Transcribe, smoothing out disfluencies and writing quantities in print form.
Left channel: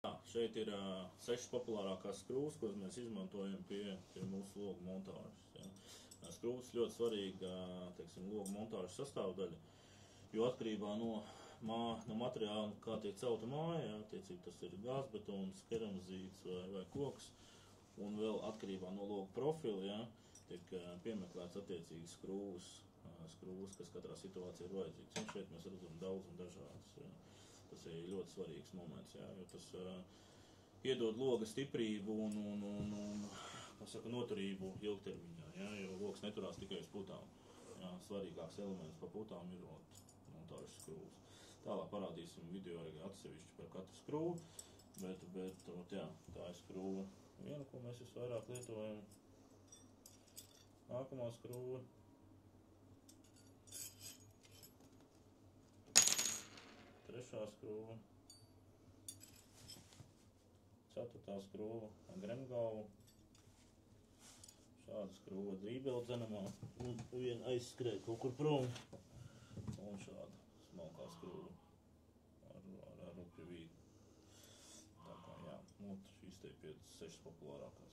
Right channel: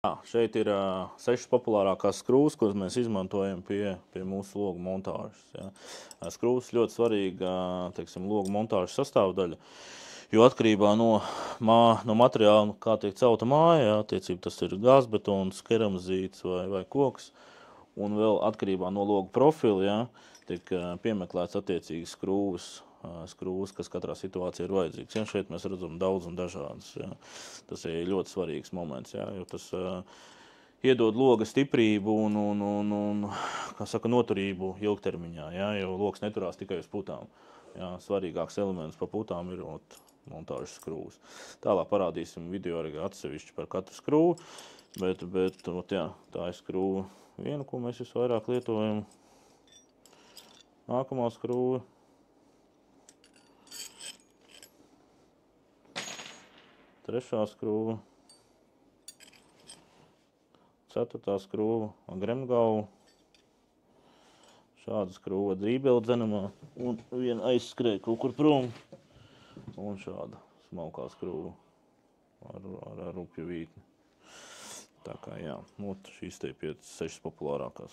Šeit ir 6 populārākās skrūves, kuras mēs izmantojam pie mūsu logu montāžas. Ja. Skrūves ļoti svarīga, teiksim, logu montāžas sastāvdaļa, jo atkarībā no materiāla, kā tiek celta māja, ja, attiecīgi tas ir gāzbetons, keramzīts vai koks, un vēl atkarībā no logu profila, ja, tiek piemeklēts attiecīgi skrūves, kas katrā situācijā ir vajadzīgs. Ja, šeit mēs redzam daudz un dažādas. Ja. Tas ir ļoti svarīgs moments, ja, jo tas iedod loga stiprību un kā saka, noturību ilgtermiņā, ja, jo logs neturās tikai uz putām. Ja, svarīgāks elements pa putām ir montāžas skrūves. Tālāk parādīsim video arī atsevišķi par katru skrūvu, bet jā, tā ir skrūva viena, ko mēs visvairāk lietojam. Nākamā skrūve. Trešā skrūva, 4. skrūva gremgalva, šāda skrūva drībele dzenamā, un viena aizskrēja kaut kur prom, un šāda smalkā skrūva ar rupju vītni. Tā kā jā, šīs te 5-6 populārākās.